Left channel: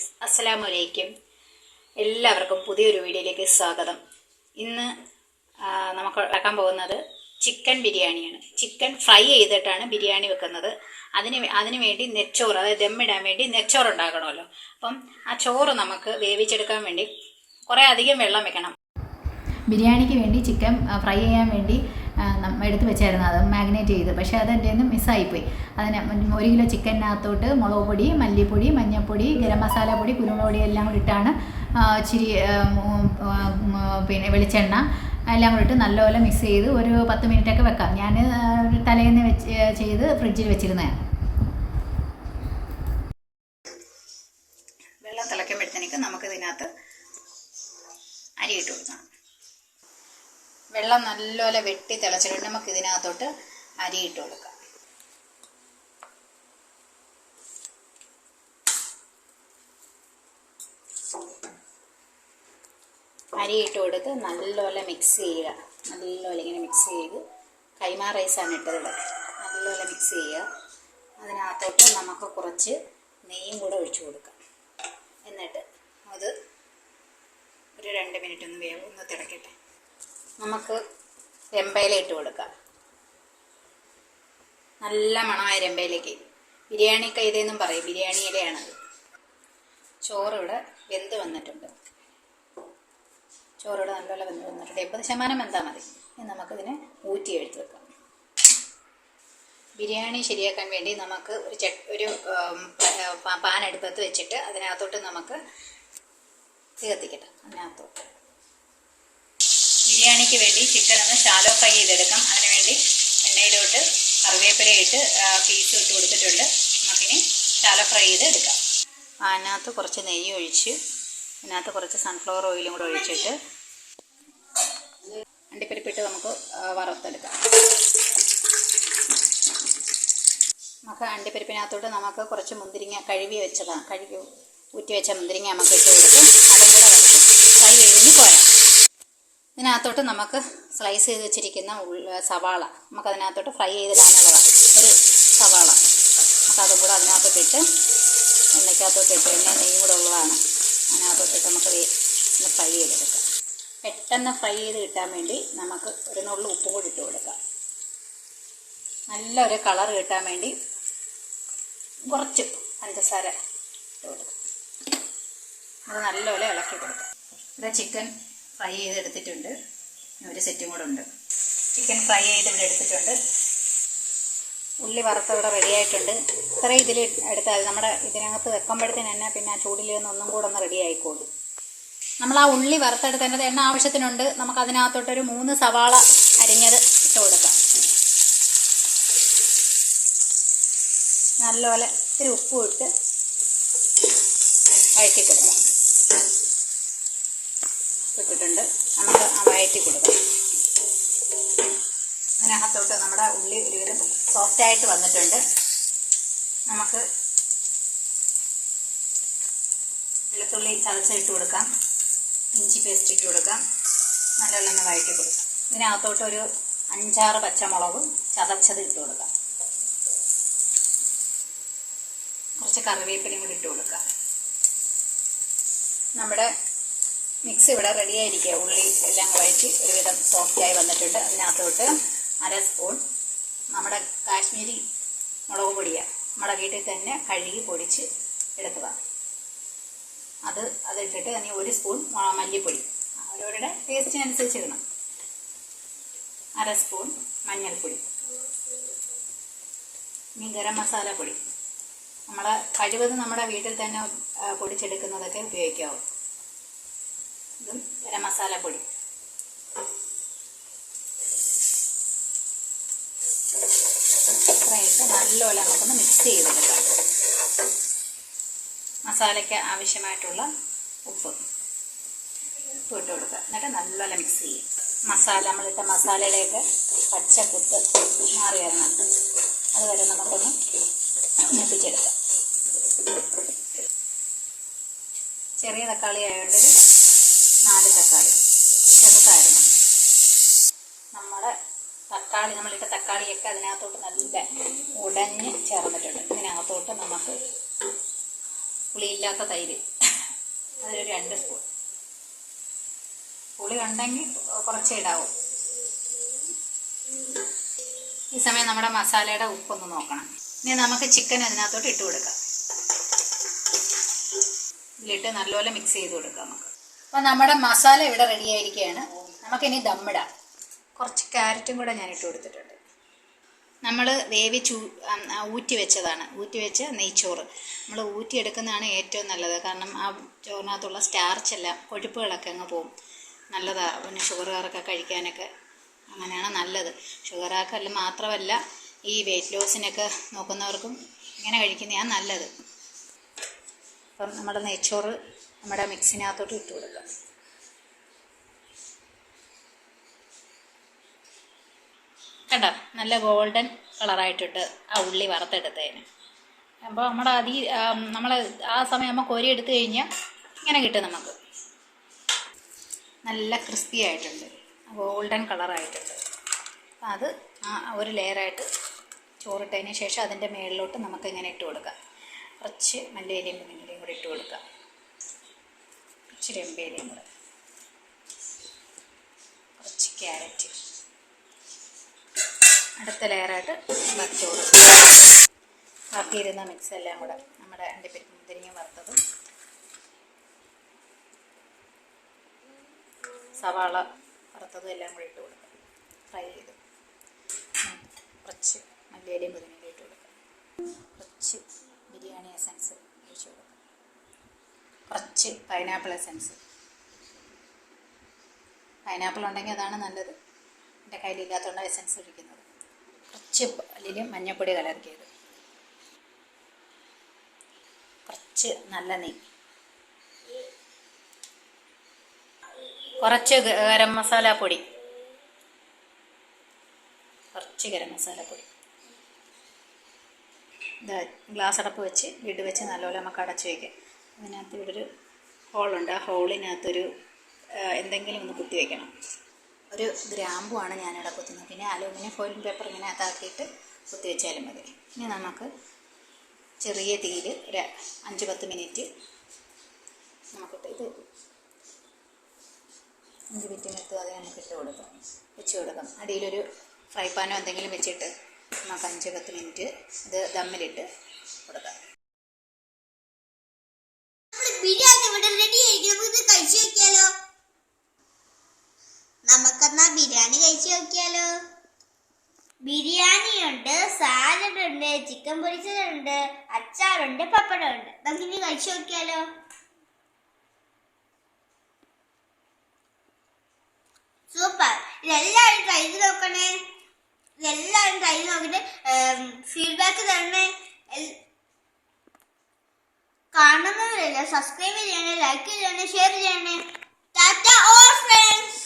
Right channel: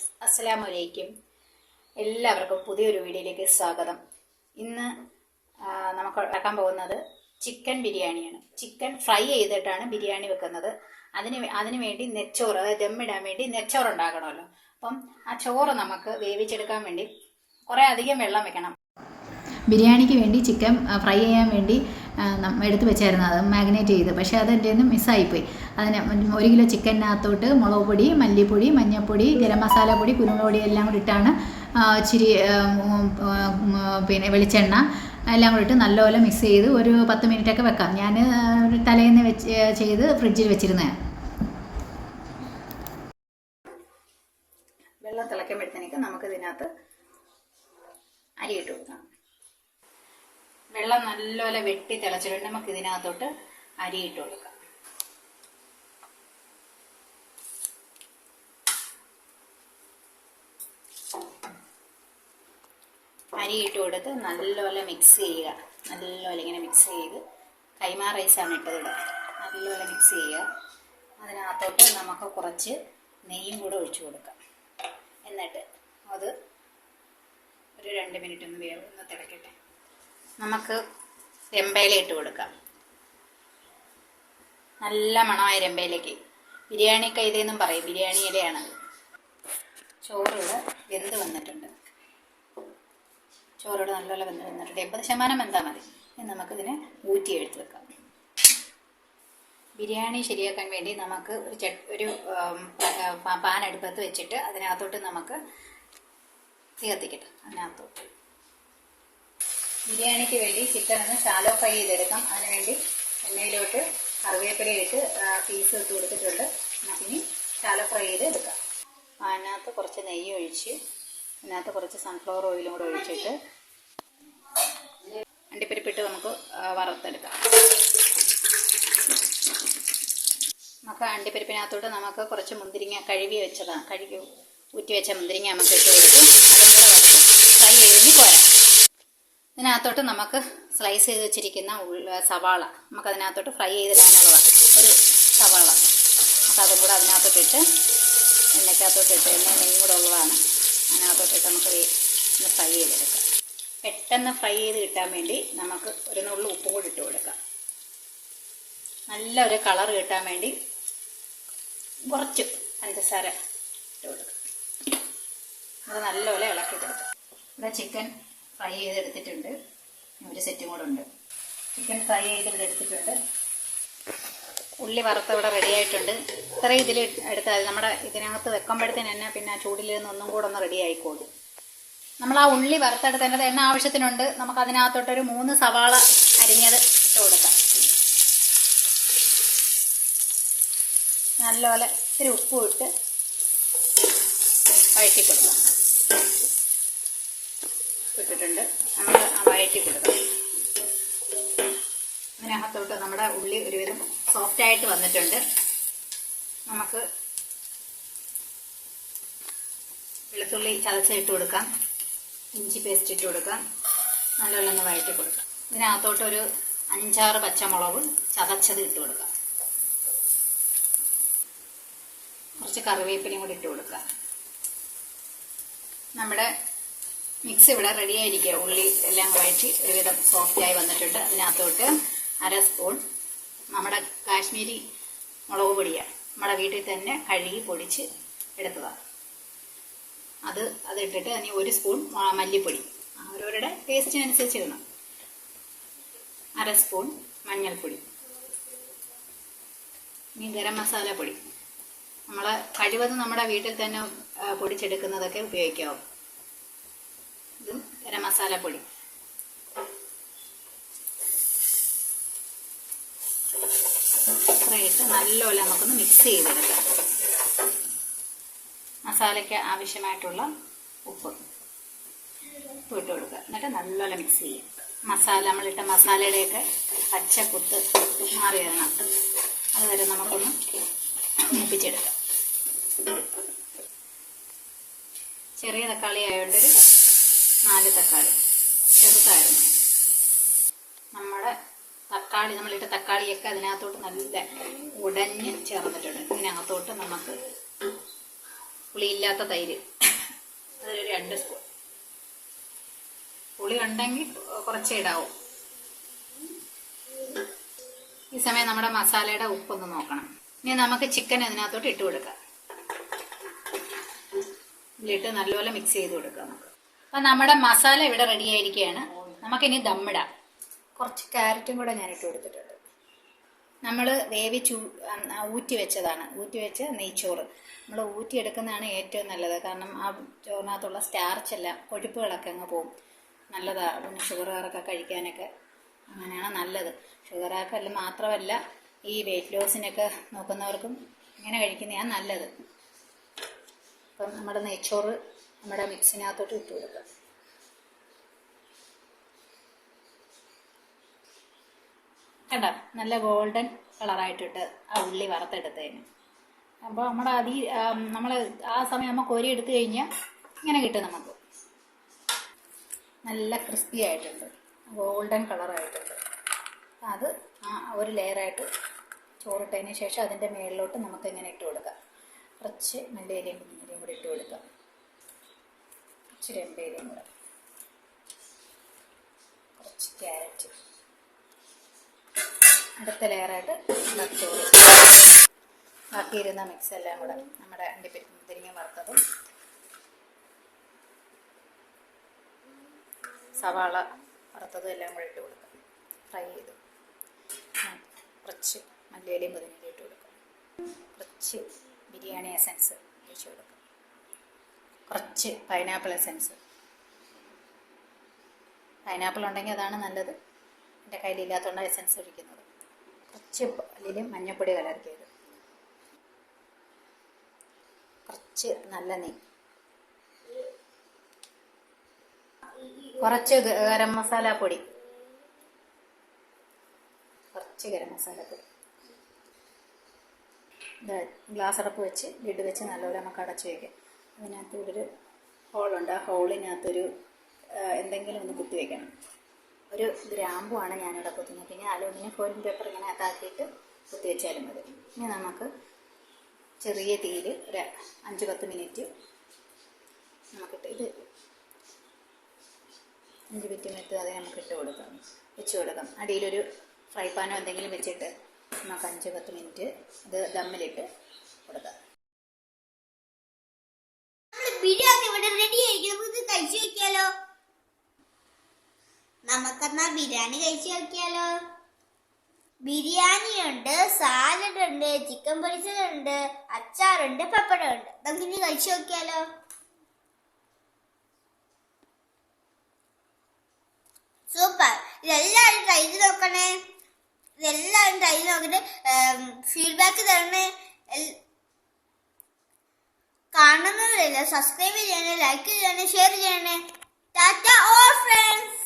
Friends അസ്സലാമു അലൈക്കും എല്ലാവർക്കും പുതിയൊരു വീഡിയോയിലേക്ക് സ്വാഗതം. ഇന്ന് നമുക്ക് ഉണ്ടാക്കാൻ പോകുന്നത് ചിക്കൻ ബിരിയാണിയാണ്. ചിക്കൻ ഫ്രൈ ചെയ്തിട്ടാണ് ബിരിയാണി വെക്കുന്നത്. അതിന് അതിന് വേണ്ടി നെച്ചോറ് അതായത് ദമ്മിടാൻ വേണ്ടി നെച്ചോറ് ഉണ്ടാക്കണമല്ലോ അപ്പം ആ ചോറ് നമുക്ക് വേവിച്ചെടുക്കാൻ വേണ്ടി കുറേ അധികം വെള്ളം വെക്കണം. ബിരിയാണിക്ക് വേണ്ടി ചിക്കൻ ഫ്രൈ ചെയ്യാൻ വേണ്ടി എടുത്ത് വെച്ചായിരുന്നു. അത് മാഗ്നേറ്റ് ചെയ്ത്. പക്ഷേ അത് എന്റെ നിന്ന് മിസ്സായിപ്പോയി. അതിന് ഒരു കിലോ ചിക്കനകത്തോട്ട് മുളക് പൊടി മല്ലിപ്പൊടി മഞ്ഞൾപ്പൊടി ഗരം മസാല പൊടി കുരുമുളക് പൊടി എല്ലാം കൂടി ഇട്ടാണ് ഇച്ചിരി പിന്നെ വെളിച്ചെണ്ണ എല്ലാം കൂടി ഇട്ട് നല്ലപോലെ മിക്സ് ചെയ്ത് ഒരു പത്ത് മിനിറ്റൊക്കെ വെക്കാം. ഞാൻ തലേന്ന് വെച്ച് ചെയ്ത് ഫ്രിഡ്ജിൽ വെച്ചിരുന്നതാണ് വെള്ളം തിളയ്ക്കുമ്പോഴത്തേക്ക് നമുക്ക് ഇതിനകത്ത് അരി ഇട്ട് കൊടുക്കണം. വെള്ളം നല്ലപോലെ വെട്ടി തിളച്ചിട്ട് നമുക്ക് ഇതിനകത്തോട്ട് അരി ഇട്ട് കൊടുക്കാം. അരി ഇട്ട് കൊടുത്ത് നല്ലപോലെ മിക്സ് ചെയ്യുക. നല്ലപോലെ ഇങ്ങനെ മിക്സ് ചെയ്ത് കൈമാ റൈസാണ് ഇട്ടത് ഇവിടെ. നല്ലപോലെ മിക്സ് ചെയ്യുക. അതിനകത്തോട്ട് നമുക്ക് കുറച്ച് നെയ്യും കൂടെ ഒഴിച്ചു കൊടുക്കാം. എന്നിട്ട് അത് ഒരു രണ്ട് മിനിറ്റ് ഒന്ന് വേവ് ഒന്ന് തിളക്കട്ടെ. നമുക്ക് രമ്പയില ഇട്ട് കൊടുക്കാം. നല്ല മണമായ രമ്പയിലേക്ക്. ബിരിയാണി കൈതെന്നും പറയും ബിരിയാണി ഇലയാണത്. ചോറിവിടെ വെന്ത് വന്നിട്ടുണ്ട്. ചോറിവിടെ നല്ലപോലെ വെന്ത് വന്നിട്ടുണ്ട്. എൺപത് ശതമാനം വെന്താൽ മതി. ഇനി നമുക്കിതിനെ ഊറ്റി എടുത്ത് വെക്കാം. ബിരിയാണി ശരിയാക്കാൻ വേണ്ടി നമുക്ക് ഒരു ചെ ഒരു പാൻ അടുപ്പത്ത് വെച്ചിട്ട് അതിനകത്തോട്ട് നമുക്ക് തീ കത്തിക്കട്ടെ. അതിനകത്തോട്ട്. ബിരിയാണിക്ക് വേണ്ടി ചിക്കൻ ഒന്ന് ഷാലോ ഫ്രൈ ചെയ്തെടുക്കാം. അതിനുവേണ്ടി എണ്ണയിലോട്ട് കറിവേപ്പില ഇട്ട് പീസ് ഇട്ട് കൊടുത്തിട്ടുണ്ട്. നമുക്കിനി ഷാലോ ഫ്രൈ ചെയ്ത് എടുക്കാം അതിനകത്ത് കുറച്ച് നെയ്യ് ഒഴിച്ച് അതിനകത്ത് കുറച്ച് സൺഫ്ലവർ ഓയിലും കൂടെ ഒഴിച്ചിട്ട് അണ്ടിപ്പരിപ്പിട്ട് നമുക്ക് വറുത്തെടുക്കാം. നമുക്ക് അണ്ടിപ്പരിപ്പിനകത്തോട്ട് നമുക്ക് കുറച്ച് മുന്തിരിങ്ങ കഴുകി വെച്ചതാണ് കഴുകി ഊറ്റി വെച്ച മുന്തിരിങ്ങ നമുക്ക് ഇട്ട് കൊടുക്കും അതും കൂടെ വറുത്ത് ഫ്രൈ ചെയ്തിട്ട് പോരാം. ഇതിനകത്തോട്ട് നമുക്ക് സ്ലൈസ് ചെയ്ത് വെച്ചിരിക്കുന്ന സവാള. നമുക്ക് അതിനകത്തോട്ട് ഫ്രൈ ചെയ്തിടാനുള്ളതാണ് ഒരു സവാള. നമുക്ക് അതും കൂടെ അതിനകത്തോട്ട് ഇട്ട് എണ്ണയ്ക്കകത്തോട്ട് ഇട്ട് എണ്ണ നെയ്യും കൂടെ ഉള്ളതാണ്. അതിനകത്തോട്ട് ഇട്ട് നമുക്ക് ഒന്ന് ഫ്രൈ ചെയ്തെടുക്കാം. പെട്ടെന്ന് ഫ്രൈ ചെയ്ത് കിട്ടാൻ വേണ്ടി നമുക്ക് ഒരു നുള്ളു ഉപ്പും കൂടി ഇട്ട് കൊടുക്കാം. നല്ല ഒരു കളർ കിട്ടാൻ വേണ്ടി കുറച്ച് പഞ്ചസാര ഇട്ട് കൊടുക്കാം. അത് നല്ലപോലെ ഇളക്കി കൊടുക്കാം. ഇവിടെ ചിക്കൻ ഫ്രൈ ചെയ്തെടുത്തിട്ടുണ്ട്. ഒരു സെറ്റും കൂടെ ഉണ്ട്. ചിക്കൻ ഫ്രൈ ചെയ്ത് ഇവിടെ എടുത്തിട്ടുണ്ട്. ഉള്ളി വറുത്ത് ഇവിടെ റെഡിയായിട്ടുണ്ട് ഇത്ര ഇതിൽ എടുത്താൽ നമ്മുടെ ഇതിനകത്ത് വെക്കുമ്പോഴത്തേന് തന്നെ പിന്നെ ആ ചൂടിൽ നിന്ന് ഒന്നും കൂടെ ഒന്ന് റെഡി ആയിക്കോളും. നമ്മൾ ആ ഉള്ളി വറുത്തെടുത്തതിന്റെ എണ്ണ ആവശ്യത്തിനുണ്ട്. നമുക്ക് അതിനകത്തോട്ടൊരു മൂന്ന് സവാള അരിഞ്ഞത് ഇട്ട് കൊടുക്കാം. നല്ലപോലെ ഇത്തിരി ഉപ്പും ഇട്ട് വഴറ്റി കൊടുക്കാം. ഇട്ടിട്ടുണ്ട്. ആ വഴറ്റി കൊടുക്കാം. അതിനകത്തോട്ട് നമ്മുടെ ഉള്ളി ഒരുവിധം സോഫ്റ്റ് ആയിട്ട് വന്നിട്ടുണ്ട്. നമുക്ക് വെളുത്തുള്ളി ചതച്ചിട്ട് കൊടുക്കാം. ഇഞ്ചി പേസ്റ്റ് ഇട്ട് കൊടുക്കാം. നല്ലോണം വഴറ്റി കൊടുക്കാം. ഇതിനകത്തോട്ട് ഒരു അഞ്ചാറ് പച്ചമുളകും ചതച്ചത് ഇട്ട് കൊടുക്കാം. കുറച്ച് കറിവേപ്പിലയും കൂടി ഇട്ട് കൊടുക്കാം. നമ്മുടെ മിക്സ് ഇവിടെ റെഡി ആയിരിക്കുക ഉള്ളി എല്ലാം വഴറ്റി ഒരുവിധം സോഫ്റ്റായി വന്നിട്ടുണ്ട്. അതിനകത്തോട്ട് അര സ്പൂൺ നമ്മുടെ കാശ്മീരി മുളക് പൊടിയാണ് നമ്മുടെ വീട്ടിൽ തന്നെ കഴുകി പൊടിച്ച് എടുത്തതാണ് അത് അതിട്ടിട്ട് അതിന് ഒരു സ്പൂൺ മല്ലിപ്പൊടി. അവരവരുടെ ടേസ്റ്റിനനുസരിച്ച് ഇടണം. അര സ്പൂൺ മഞ്ഞൾപ്പൊടി. ഇനി ഗരം മസാല പൊടി നമ്മൾ കഴിവതും നമ്മുടെ വീട്ടിൽ തന്നെ പൊടിച്ചെടുക്കുന്നതൊക്കെ ഉപയോഗിക്കാവും. ഗരം മസാല പൊടി. ഇത്രയിട്ട് നല്ലപോലെ നമുക്കൊന്ന് മിക്സ് ചെയ്തെടുക്കാം. മസാലയ്ക്ക് ആവശ്യമായിട്ടുള്ള ഉപ്പ്. ഉപ്പ് ഇട്ട് കൊടുക്കുക. എന്നിട്ട് നല്ലപോലെ മിക്സ് ചെയ്യുക മസാല നമ്മളിട്ട മസാലയുടെയൊക്കെ പച്ച കുത്ത് മാറി വരണം. അതുവരെ നമുക്കൊന്ന് മൂപ്പിച്ചെടുക്കാം. ചെറിയ തക്കാളി ആയതുകൊണ്ടൊരു നാല് തക്കാളി. ചെറുതായിരുന്നു. നമ്മുടെ തക്കാളി നമ്മളിട്ട തക്കാളിയൊക്കെ അതിനകത്തോട്ട് നല്ല ഉടഞ്ഞ് ചേർന്നിട്ടുണ്ട്. ഇതിനകത്തോട്ട് നമുക്ക് പുളിയില്ലാത്ത തൈര്. അതിലൊരു രണ്ട് സ്പൂൺ പുളി ഉണ്ടെങ്കിൽ കുറച്ചേ ഇടാവും. ഈ സമയം നമ്മുടെ മസാലയുടെ ഉപ്പൊന്ന് നോക്കണം. ഇനി നമുക്ക് ചിക്കൻ അതിനകത്തോട്ട് ഇട്ട് കൊടുക്കാം. ഇതിലിട്ട് നല്ലപോലെ മിക്സ് ചെയ്ത് കൊടുക്കാം നമുക്ക്. അപ്പം നമ്മുടെ മസാല ഇവിടെ റെഡി ആയിരിക്കുകയാണ്. നമുക്കിനി ദമ്മിടാം കുറച്ച് ക്യാരറ്റും കൂടെ ഞാൻ ഇട്ട് കൊടുത്തിട്ടുണ്ട്. നമ്മൾ വേവിച്ച് ഊറ്റി വെച്ചതാണ്. ഊറ്റി വെച്ച നെയ്ച്ചോറ്. നമ്മൾ ഊറ്റി എടുക്കുന്നതാണ് ഏറ്റവും നല്ലത്. കാരണം ആ ചോറിനകത്തുള്ള സ്റ്റാർച്ച് എല്ലാം കൊഴുപ്പുകളൊക്കെ അങ്ങ് പോകും നല്ലതാണ് പിന്നെ ഷുഗറുകാരൊക്കെ കഴിക്കാനൊക്കെ അങ്ങനെയാണ് നല്ലത്. ഷുഗറാക്കല്ല മാത്രമല്ല ഈ വെയിറ്റ് ലോസിനൊക്കെ നോക്കുന്നവർക്കും ഇങ്ങനെ കഴിക്കുന്നതാണ് നല്ലത്. അപ്പം നമ്മുടെ നെയ്ച്ചോറ് നമ്മുടെ മിക്സിനകത്തോട്ട് ഇട്ട് കൊടുക്കുക കണ്ടോ? നല്ല ഗോൾഡൻ കളറായിട്ടിട്ട് ആ ഉള്ളി വറുത്തെടുത്തതിന്. അപ്പോൾ നമ്മുടെ അതി നമ്മൾ ആ സമയം നമ്മൾ കോരി എടുത്തു കഴിഞ്ഞാൽ ഇങ്ങനെ കിട്ടും നമുക്ക്. നല്ല ക്രിസ്പി ആയിട്ടുണ്ട്. ഗോൾഡൻ കളറായിട്ടുണ്ട്. അത് ആ ഒരു ലെയറായിട്ട് ചോറിട്ടതിന് ശേഷം അതിന്റെ മുകളിലോട്ട് നമുക്ക് ഇങ്ങനെ ഇട്ട് കൊടുക്കാം. കുറച്ച് മല്ലിയിലയും കൂടി ഇട്ട് കൊടുക്കാം. ഇച്ചിരി എമ്പേലിയും കൂടെ. കുറച്ച് ക്യാരറ്റ്. അടുത്ത ലെയറായിട്ട് ബാക്കി ചോറ് ബാക്കി ഇരുന്ന മിക്സ് എല്ലാം കൂടെ നമ്മുടെ അണ്ടിപ്പരിപ്പ് മുന്തിരിങ്ങ വറുത്തതും. സവാള വറുത്തതും എല്ലാം കൂടെ ഇട്ട് കൊടുക്കാം. ഫ്രൈ ചെയ്തു. കുറച്ച് മല്ലിയിലയും പുതിനയിലും ഇട്ട് കൊടുക്കാം. കുറച്ച് ബിരിയാണി എസൻസ് ഒഴിച്ചു കൊടുക്കാം. കുറച്ച് പൈനാപ്പിൾ എസൻസ് പൈനാപ്പിൾ ഉണ്ടെങ്കിൽ അതാണ് നല്ലത്. എന്റെ കയ്യിലില്ലാത്തതുകൊണ്ട് എസൻസ് ഒഴിക്കുന്നത്. കുറച്ച് അല്ലെങ്കിൽ മഞ്ഞപ്പൊടി കലർത്തിയത് കുറച്ച് നല്ല നെയ് കുറച്ച് ഗരം മസാല പൊടി. കുറച്ച് ഗരം മസാല പൊടി. ഗ്ലാസ് അടപ്പ് വെച്ച് ലിഡ് വെച്ച് നല്ലപോലെ നമുക്ക് അടച്ച് വയ്ക്കാം അതിനകത്ത് ഇവിടെ ഒരു ഹോളുണ്ട്. ആ ഹോളിനകത്തൊരു എന്തെങ്കിലും ഒന്ന് കുത്തി വയ്ക്കണം ഒരു ഗ്രാമ്പുമാണ് ഞാനിവിടെ കുത്തുന്നത്. പിന്നെ അലൂമിനിയം ഫോയിൽ പേപ്പർ ഇങ്ങനെ അതാക്കിയിട്ട് കുത്തി വെച്ചാലും മതി. ഇനി നമുക്ക് ചെറിയ തീയിൽ ഒരു അഞ്ച് പത്ത് മിനിറ്റ് നമുക്കിട്ട് ഇത് അഞ്ച് മിനിറ്റ് മെത്ത് അത് നമുക്ക് ഇട്ട് കൊടുക്കാം. വെച്ച് കൊടുക്കാം. അടിയിലൊരു ഫ്രൈ പാനോ എന്തെങ്കിലും വെച്ചിട്ട് നമുക്ക് അഞ്ച് പത്ത് മിനിറ്റ് ഇത് ദമ്മിലിട്ട് കൊടുക്കാം. ബിരിയാണി ഇവിടെ റെഡി ആയിരിക്കും. നമുക്ക് കഴിച്ചു നോക്കിയാലോ? നമുക്കെന്നാ ബിരിയാണി കഴിച്ചു നോക്കിയാലോ? ബിരിയാണി ഉണ്ട് സാലഡ് ഉണ്ട് ചിക്കൻ പൊരിച്ചതുണ്ട് അച്ചാറുണ്ട് പപ്പടം ഉണ്ട്. നമുക്ക് ഇനി കഴിച്ചു നോക്കിയാലോ? സൂപ്പർ. ഇതെല്ലാവരും ട്രൈ ചെയ്ത് നോക്കണേ. ഇതെല്ലാവരും ട്രൈ ചെയ്ത് ഫീഡ്ബാക്ക് തരണേ. കാണുന്നവരെല്ലാം? സബ്സ്ക്രൈബ് ചെയ്യണേ ലൈക്ക് ചെയ്യണേ ഷെയർ ചെയ്യണേ. Tata all friends